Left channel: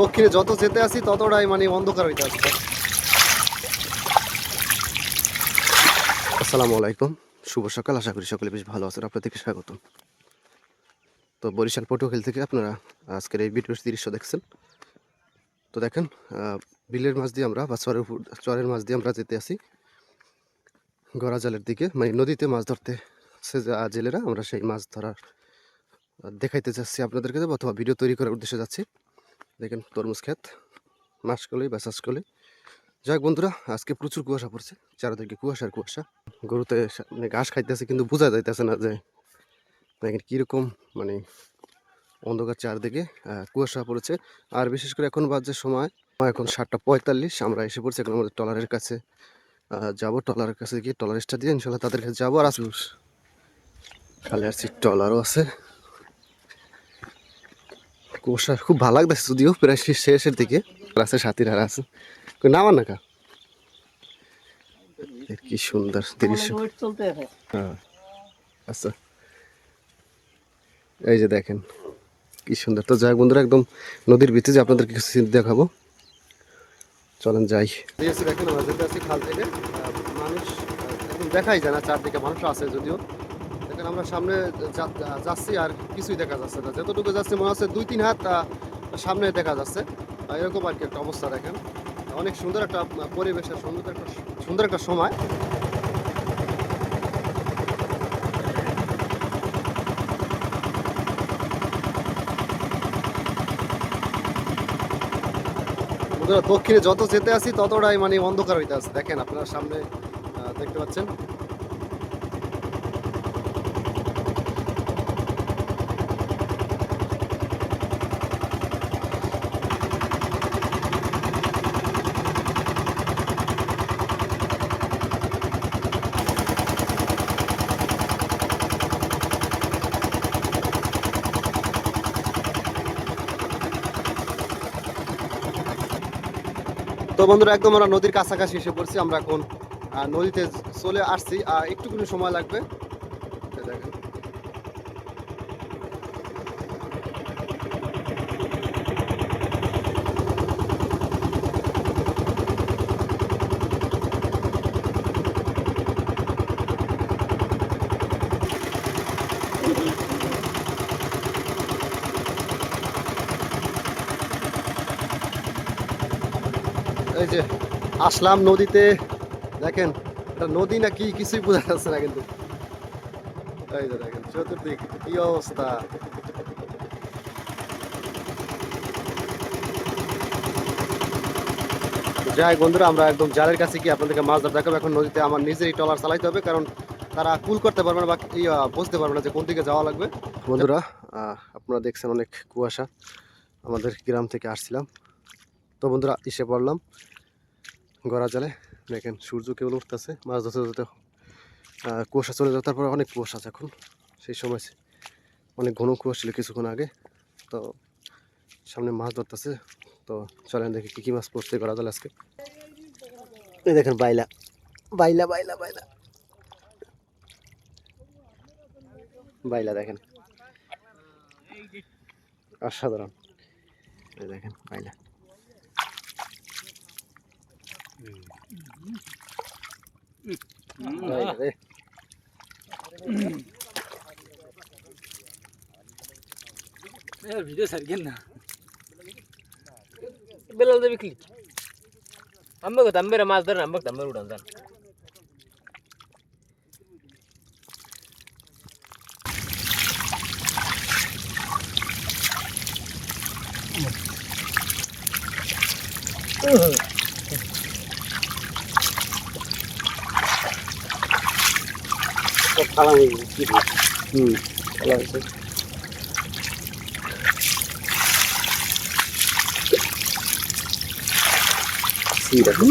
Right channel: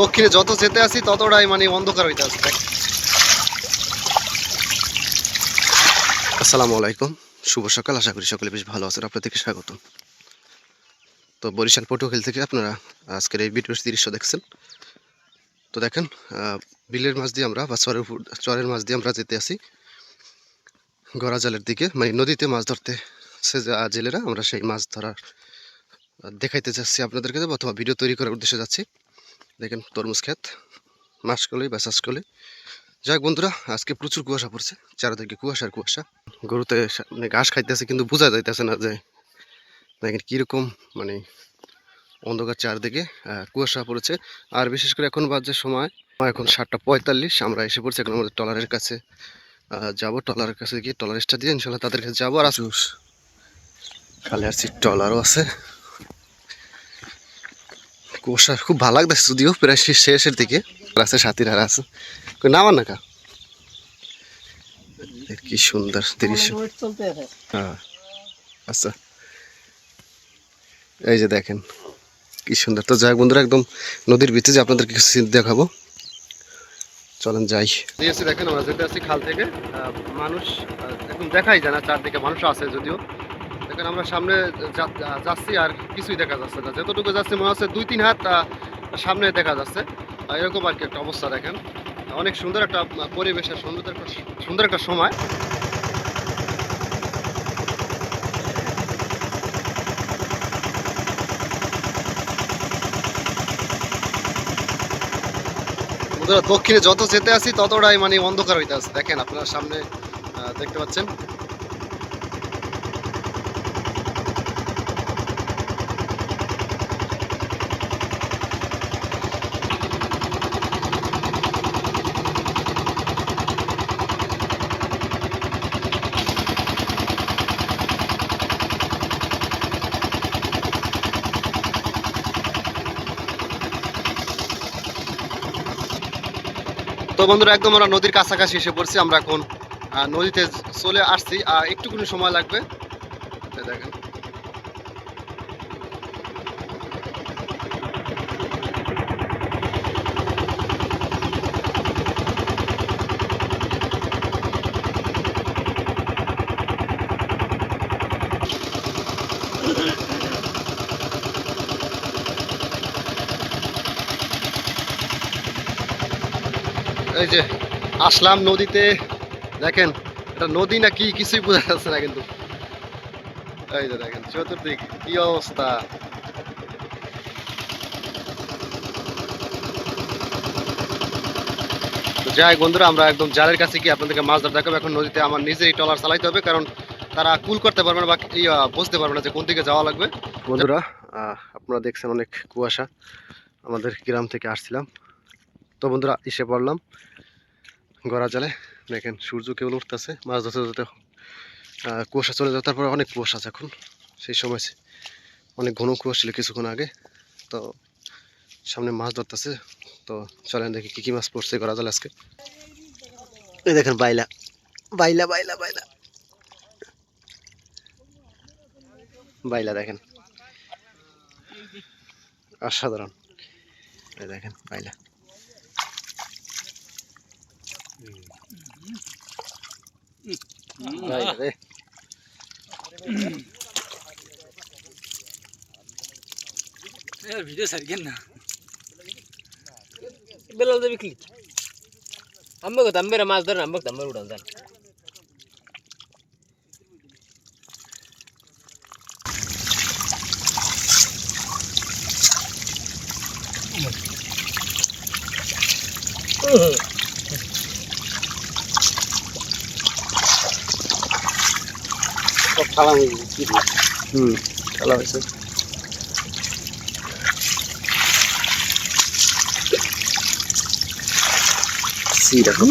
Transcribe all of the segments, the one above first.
দক্ষিণে যত যেতে আসি, ততটাই মানে অন্ধকার হইতে আসছে আসসালামু আলাইকুম। শুভ সকাল, আশা করি সকলে বেশ ভালো আছেন। আপনাদেরকে স্বাগত। তো বরিশাল পটুয়াখালী থেকে আপনারা আজকের এই ভিডিওর দৃশ্য দেখছেন। তো দেখেন বিলের মাছ দিয়ে আমরা বা চরের চরের মাছ দিয়ে আমরা যেতে আসি। গড়া জালের দিকে মানে নদীতে মাছ ধরতে সে জেলেরা, আমরা সেই মাছ ধরার দেখাইতে যাচ্ছি আপনাদেরকে, অথবা ভিডিও তৈরি করার উদ্দেশ্যে যাচ্ছি। দেখেন তরমুজ ক্ষেত মাসকলি বা চাষকলি যাক বন্ধুরা, আজকে প্রচুর কুয়াশা পড়ছে, চারদিকে কুয়াশার কুয়াশা। গরুতে মানে ঘাস খাইতেছে, কিন্তু বোঝা যাইতেছে না যে দেখেন কীরকম মানে অন্ধকার চারদিকে কুয়াশা পড়েছে। আর বিশেষ করে এখন বাজে সময়, এখন সাতটা পঁয়তাল্লিশ, আমরা এসে পড়ছি এখন আমাদের টলারের কাছে। যাব টলারের কাছে গিয়ে টলার স্টা দিয়ে ইনশাল্লাহ তাদের কাছে যাব। আর আসুস খালি আসছি টলারও আছে। কুয়াশা খুব ভালো লাগতেছে যদিও প্রায় শেষের দিকে। আছে সাথীর আর আছে নামান না কা? কি সুন্দর দৃশ্য। হ্যাঁ। আচ্ছা। এই যে দেখেন কি সুন্দর। তো যাই বন্ধুরা একদম নদীর ভিতরে যে আপনাদেরকে কিছু দেখাবো। চলেন যাই। দেখেন যেতে আছি খাল থেকে। মানুষ একদম দেখাই যায় না চারদিকে মানুষ আছে যদিও। দেখেন আমরা সামনে যাচ্ছি আর কিছুই দেখা যাচ্ছে না। যতটুকু যাচ্ছে মনে হচ্ছে দুই তিন হাত সামনে দেখা যাচ্ছে। এরকম আর কি একটা অবস্থা দেখেন। অনেক সুন্দর একটা আহ, পরিবেশের সুন্দর একটা সুন্দর একটা সময়। দক্ষিণে যত যেতে আসি ততটাই মানে অন্ধকার হইতে আছে। দেখেন আপনারা সামনে দেখতে পাচ্ছেন। তো বন্ধুরা, একদম আমরা নদীর কাছাকাছি এসে পড়ছি। আমরা এখন নদীতে চলে আসছি। আর একটুকুনি সময় লাগবে। দেখেন। এই যে আসলাম নদীতে, দেখেন, এটা নদী না কি, কিছুই বোঝা যাচ্ছে না কিন্তু। এই যে দেখেন, চতুর্দিক, কি অবস্থা? যাই বন্ধুরা, আমরা একদম জালের কাছে গিয়ে আপনাদেরকে মাছ ধরা দেখাবো। এখন নদীতে আমার নিজেরই ট্রলার চালাইতে হবে, কারণ তারা কুল করতে পারবে না বা বুঝতে পারবে না যে কোন দিকে যাওয়া লাগবে। বন্ধুরা আপনারা দেখছেন অনেক কুয়াশা। আমাদের গ্রাম থেকে আসছিলাম। তো বন্ধুরা, এসে পড়লাম। গড়া জালে। দেখেন, সূর্য কেবল উঠতেছে, মাছ ধরতে ধরতে কুয়াশা চলে যাওয়ার তারপরে অনেক কুয়াশা আছে এখন। সেই সময় অনেক ঘন কুয়াশা ছিল কিছুক্ষণ আগে। তো সামনে মাছ ধরতেছে। তো চলেন দেখি কী কী মাছ পড়ছে গড়া জালে আজকে। এই দেখেন বাইলা। বাইলা বাইলা বাইলা। বাইলা দেখেন। অসাধারণ। এই দেখেন, বাইলা। ได้เลย video சரிக்கண்ணா ಬೆಲ್ಲದ ವಿಕ್ಲಿ ಅಂಬಗ ತಂಬೇರ ಮಾಸ್ತಾರ ನಂಬಕ್ ತಂಬೇರ ಬಿಡು ಅಂತಾನೆ Mm-hmm. হুম খেলা হয়েছে। সিটা কত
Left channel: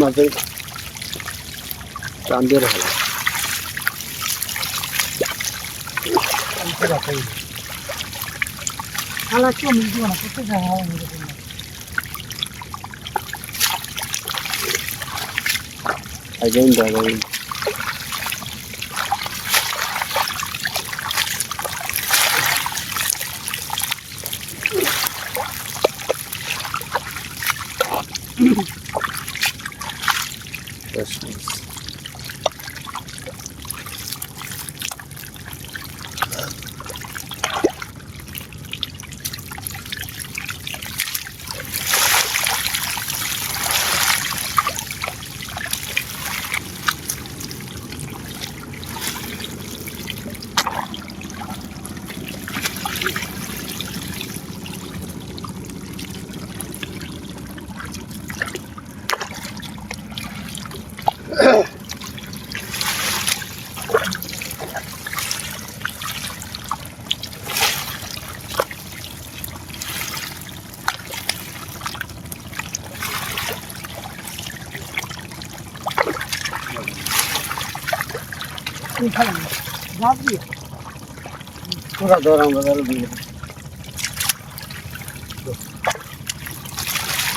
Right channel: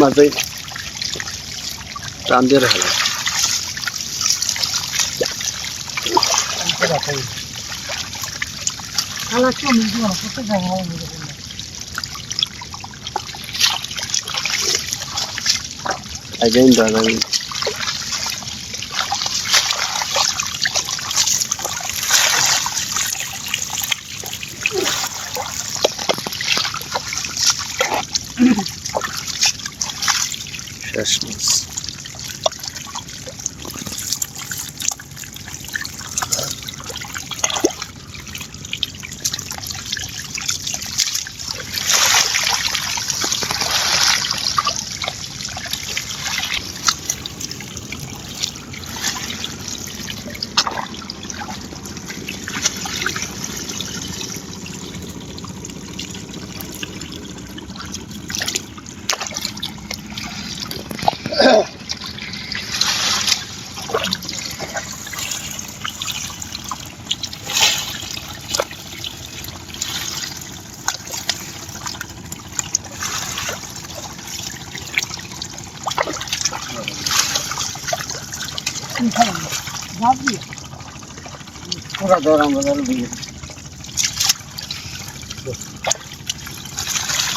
মাঝে টান দিয়ে রাখা আইজাইন দাদা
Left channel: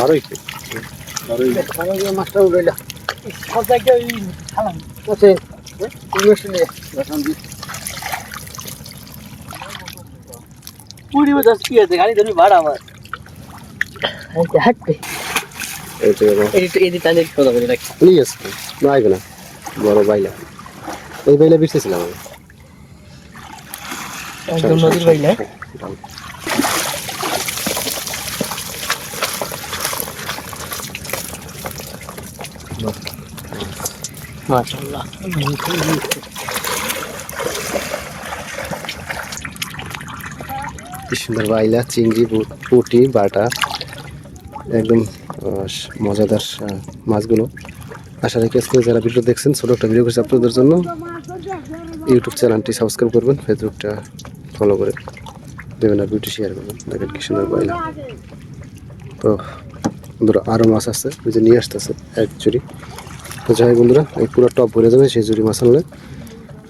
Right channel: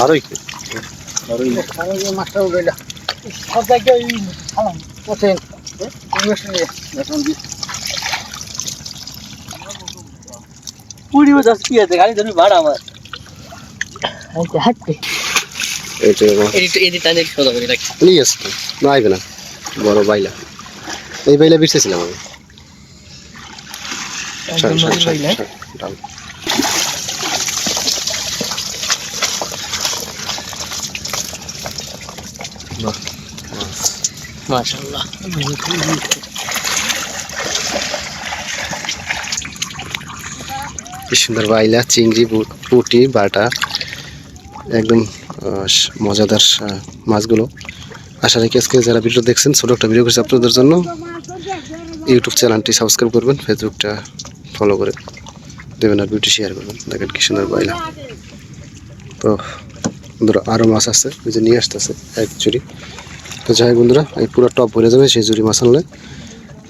আরোই কি আরোই মাছটা ওই আছে আছে গাড়ি ধরে ভাড়া আমার হাঁটতে হাঁটতে এডিট এডিট আইবে না বড় বাইলা এই বাইলা বিরছেছিলাম আমি। কি সুন্দর বাইলা চিংড়ি পুঁটি বাটা একদম মজাদার মাছগুলো। আশা রাখি আজকে যারা ভিডিও দেখছেন ছোটো একটা ভিডিও করছি আপনাদের জন্য। ইউটিউব চ্যানেলটি সাবস্ক্রাইব করবেন ফেসবুকটা ফলো করে দেবেন আর ভিডিও শেয়ার করবেন। দেখেন কি সুন্দর বাইলা তো বন্ধুরা আরও মাছ আসছে ওই যে নিয়ে আসতেছে এক চুরি তো যাই হোক বন্ধুরা, এই পুরো টপ ভরে যাবে সেই জুড়ি মাছ আনলে।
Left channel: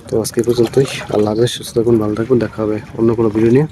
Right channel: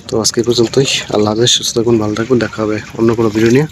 তো আজকে পর্যন্তই। আল্লাহ হাফেজ, সুস্থ থাকুন, ভালো থাকুন, দেখা হবে অন্য কোনো ভিডিও নিয়ে।